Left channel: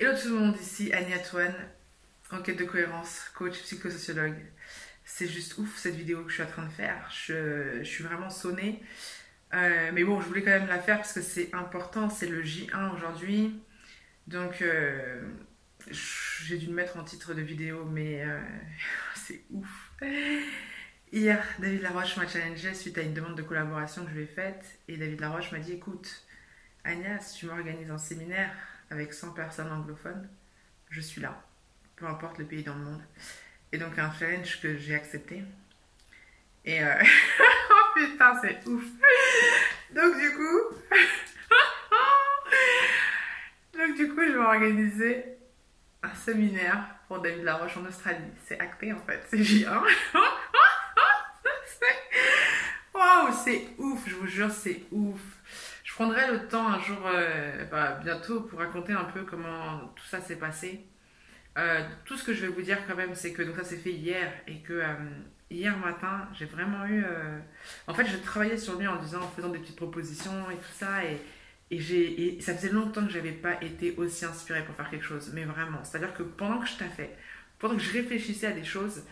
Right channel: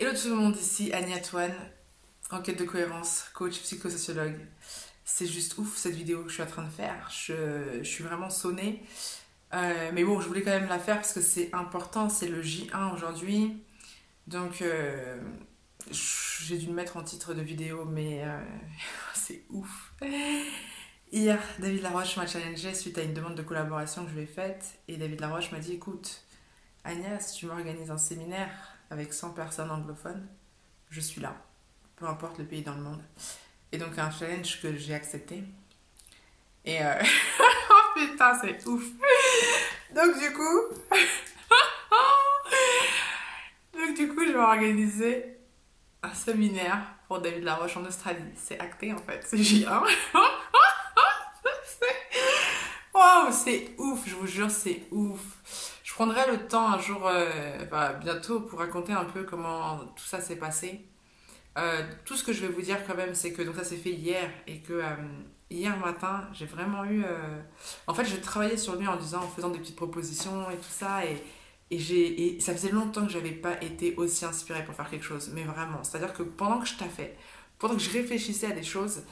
Hello tout le monde, ici Annie Antoine, en quête de cohérence, coach psychosociologue. C'est juste ouf cette vidéo que je suis en train de faire, je suis vraiment sonnée. Mais bon, je voulais quand même la faire parce que c'est important, c'est le J1 aujourd'hui. Donc j'ai dû le mettre en titre de vidéo, mais c'est ouf. Hier, David Laroche m'a challengé suite à une demande de collaboration que je lui ai faite. Et David Laroche m'a dit, écoute, Anya, si tu m'organises un séminaire avec 100 personnes anglophones, je suis là, peu importe le pays dans le monde. Et donc un challenge que j'ai accepté. Et oh putain, c'est ouf. Donc du coup, je vais organiser un séminaire pour David Laroche en Australie. C'est acté en fait, c'est J1. Waouh, c'est ouf, je vous jure, c'est ouf. Je prendrai le temps un jour, bientôt, pour raconter un peu comment tout ça s'est passé. Tout ce que je vais vous dire quand même, c'est que donc ça s'est fait hier et que hier matin, j'ai vraiment eu... En fait, j'ai travaillé sur lui en faisant des petites propositions et tout ça. Et ça faisait longtemps que j'avais pas été aussi inspirée pour faire quelque chose. Mais vraiment, c'est-à-dire que pendant que je taffais, pendant que je réfléchissais à des choses,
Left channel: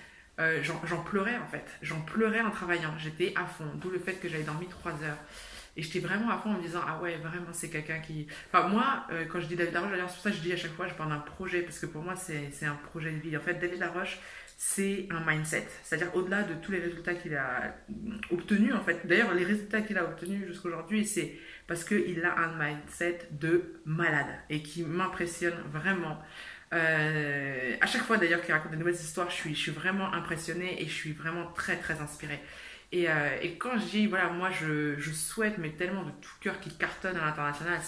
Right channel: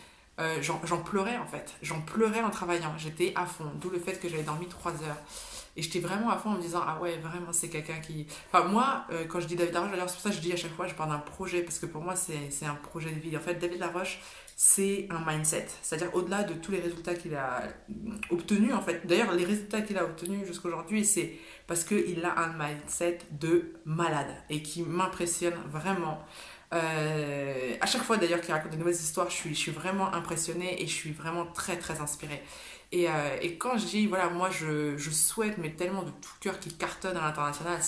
j'en pleurais en fait. J'en pleurais en travaillant. J'étais à fond. D'où le fait que j'avais dormi 3 heures. Et j'étais vraiment à fond en me disant, ah ouais, vraiment, c'est quelqu'un qui... Enfin, moi, quand je dis David Laroche, d'ailleurs, c'est pour ça que je dis à chaque fois, je parle d'un projet, parce que pour moi, c'est un projet de vie. En fait, David Laroche, c'est un mindset. C'est-à-dire, au-delà de tous les résultats qu'il a obtenus, en fait. D'ailleurs, les résultats qu'il a obtenus jusqu'à aujourd'hui, c'est parce qu'il a un mindset de malade et qui m'impressionne vraiment. À chaque fois d'ailleurs qu'il raconte de nouvelles histoires, je suis vraiment impressionnée et je suis vraiment très très inspirée. Et quand je dis, voilà, moi je souhaite, mais tellement de tout cœur qu'il cartonne à l'international,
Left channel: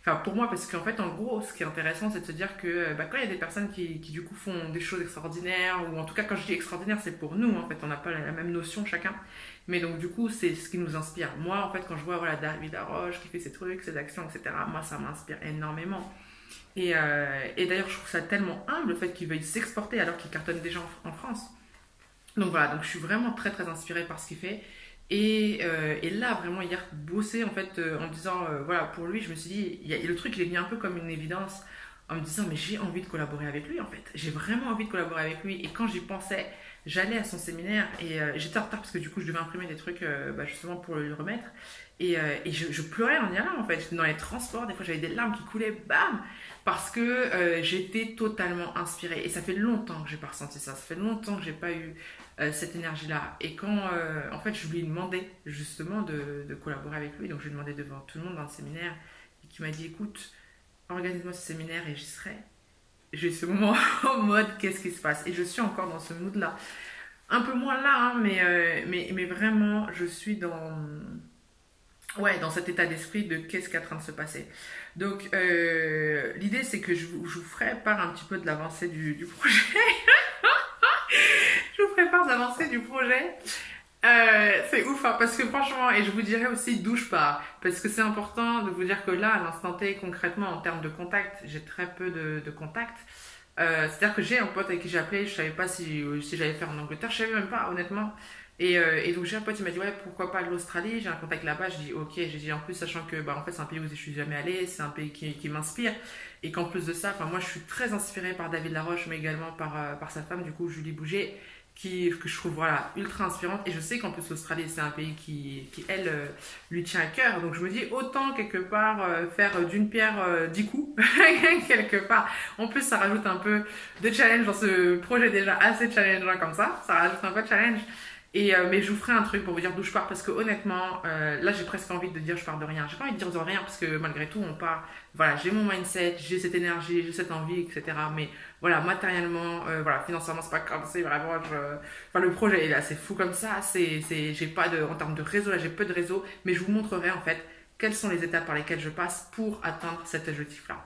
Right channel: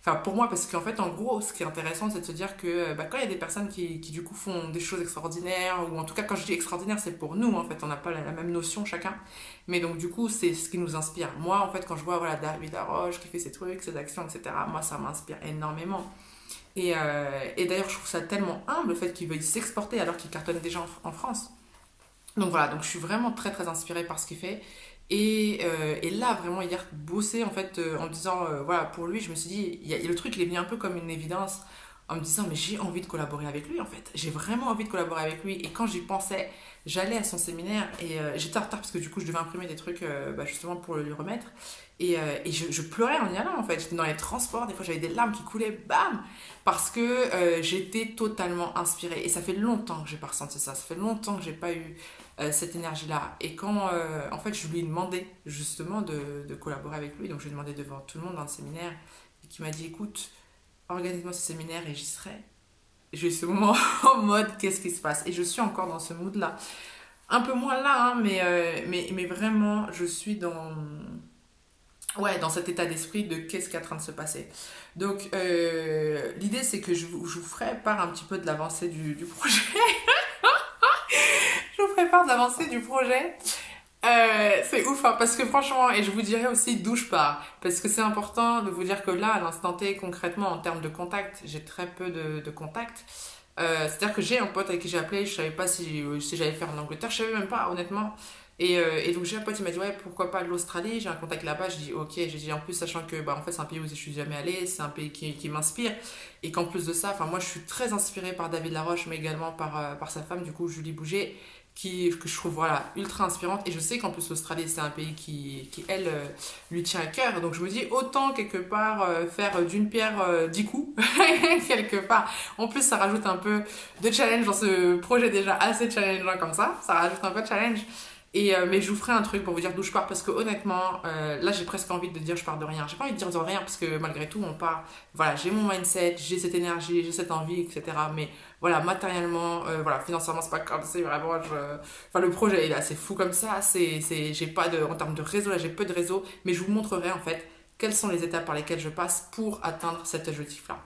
enfin pour moi, parce qu'en fait, en gros, ce qui est intéressant, c'est de se dire que quand il y a des personnes qui du coup font des choses extraordinaires, ou en tout cas, quand je dis extraordinaire, c'est pour nous, en fait, on n'a pas la même notion chacun, mais donc du coup, c'est ce qui nous inspire. Moi, en fait, quand je vois, voilà, David Laroche qui fait ses trucs, ses actions, etc., moi, ça m'inspire énormément. Et d'ailleurs, je trouve ça tellement humble, le fait qu'il veuille s'exporter alors qu'il cartonne déjà en France. Donc voilà, donc je suis vraiment très très inspirée par ce qu'il fait. Et là, vraiment, hier, bosser en fait, en me disant, voilà, pour lui, je me suis dit, le truc, il est venu un peu comme une évidence, en me disant, mais j'ai envie de collaborer avec lui, en fait. J'ai vraiment envie de collaborer avec lui. Et quand j'y pensais, j'allais à son séminaire et j'étais en retard parce que du coup, je devais imprimer des trucs justement pour le lui remettre. Et je pleurais en y allant, en fait. J'étais dans les transports, des fois, j'avais des larmes qui coulaient, bam! Parce que j'étais totalement inspirée. Et ça fait longtemps que j'ai pas ressenti ça. Ça fait longtemps que j'ai pas eu cette énergie-là. Et quand, en fait, je lui ai demandé justement de collaborer avec lui, donc je lui ai demandé devant tout le monde dans le séminaire, et qui m'a dit, écoute, organise-moi ce séminaire et j'y serai. J'ai eu ce moment en mode, qu'est-ce qui se passe? Et je suis encore dans ce mood-là. Un peu moins là, hein, mais vraiment, je suis dans... Ouais, dans cet état d'esprit de qu'est-ce qui est en train de se passer. Donc, l'idée, c'est que je vous ferai part un petit peu de l'avancée du projet. Je vous ferai part de l'avancée du projet. C'est ouf, hein, parce que franchement, et je vous dirai aussi d'où je pars. Parce que c'est important de vous dire que là, à l'instant T, concrètement, en termes de contact, j'ai très peu de contacts. C'est-à-dire que j'ai un pote avec qui j'ai appelé, je savais pas si j'allais faire en Angleterre, je savais même pas, honnêtement. Et donc j'ai un pote, il m'a dit ouais, pourquoi pas l'Australie, j'ai un contact là-bas. Je dis ok, j'ai dit en plus sachant que en fait c'est un pays où je suis jamais allée, c'est un pays qui m'inspire et qu'en plus de ça, enfin moi je suis très inspirée par David Laroche mais également par sa femme du coup Julie Bouget que je trouve voilà ultra inspirante. Et je sais qu'en plus l'Australie c'est un pays qui elle lui tient à cœur, donc je me dis autant quelque part faire d'une pierre 10 coups quelque part. En plus ça rajoute un peu de challenge dans ce projet déjà assez challengeant comme ça rajoute un peu de challenge. Mais je vous ferai un truc pour vous dire d'où je pars parce que honnêtement, là j'ai presque envie de dire je pars de rien. J'ai pas envie de dire de rien parce que malgré tout on part. Voilà, j'ai mon mindset, j'ai cette énergie, j'ai cette envie, etc. Mais voilà, matériellement, voilà, financièrement c'est pas comme c'est vraiment. Enfin le projet est assez fou comme ça. J'ai pas en termes de réseau, là j'ai peu de réseau, mais je vous montrerai en fait quelles sont les étapes par lesquelles je passe pour atteindre cet objectif là.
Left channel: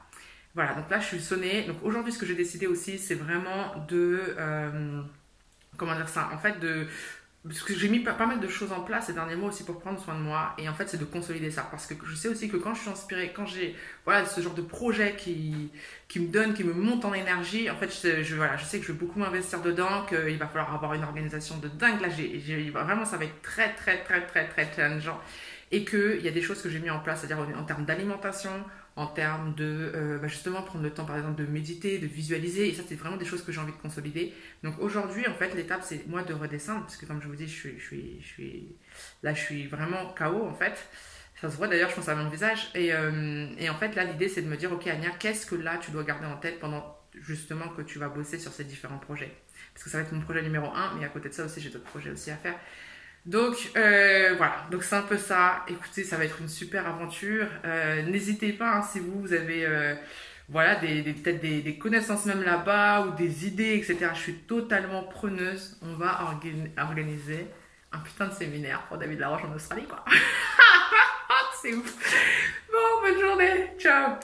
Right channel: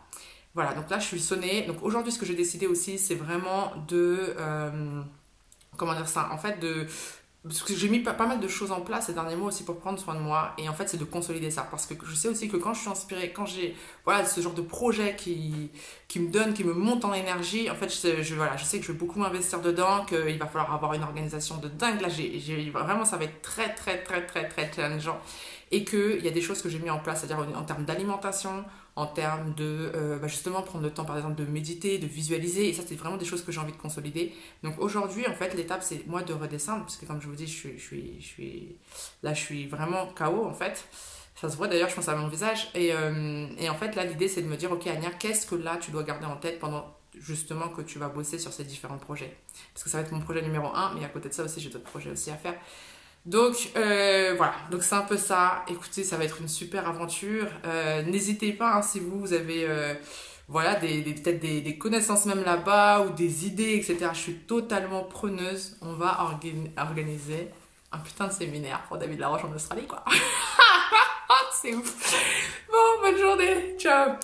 Voilà, donc là je suis sonnée. Donc aujourd'hui ce que j'ai décidé aussi c'est vraiment de comment dire ça, en fait parce que j'ai mis pas mal de choses en place ces derniers mois aussi pour prendre soin de moi. Et en fait, c'est de consolider ça. Parce que je sais aussi que quand je suis inspirée, quand j'ai voilà, ce genre de projet qui me donne, qui me monte en énergie, en fait, voilà, je sais que je vais beaucoup m'investir dedans, qu'il va falloir avoir une organisation de dingue. Là, vraiment, ça va être très, très, très, très, très challengeant. Et qu'il y a des choses que j'ai mis en place, c'est-à-dire en termes d'alimentation, en termes de justement prendre le temps par exemple de méditer, de visualiser, et ça c'est vraiment des choses que j'ai envie de consolider. Donc aujourd'hui en fait l'étape c'est moi de redescendre, parce que comme je vous dis je suis vraiment KO en fait. Ça se voit d'ailleurs, je pense à mon visage. Et en fait, là, l'idée, c'est de me dire, ok, Anya, qu'est-ce que là, tu dois garder en tête pendant justement que tu vas bosser sur ces différents projets. Parce que ça va être mon projet numéro un, mais à côté de ça aussi, j'ai d'autres projets aussi à faire. Donc, voilà. Donc, c'est un peu ça. Écoutez, ça va être une super aventure. N'hésitez pas, hein, si vous avez voilà, peut-être des connaissances même là-bas ou des idées, etc. Je suis totalement preneuse. On va organiser un putain de séminaire pour David Laroche en Australie, quoi. C'est ouf. Bon, bonne journée. Ciao.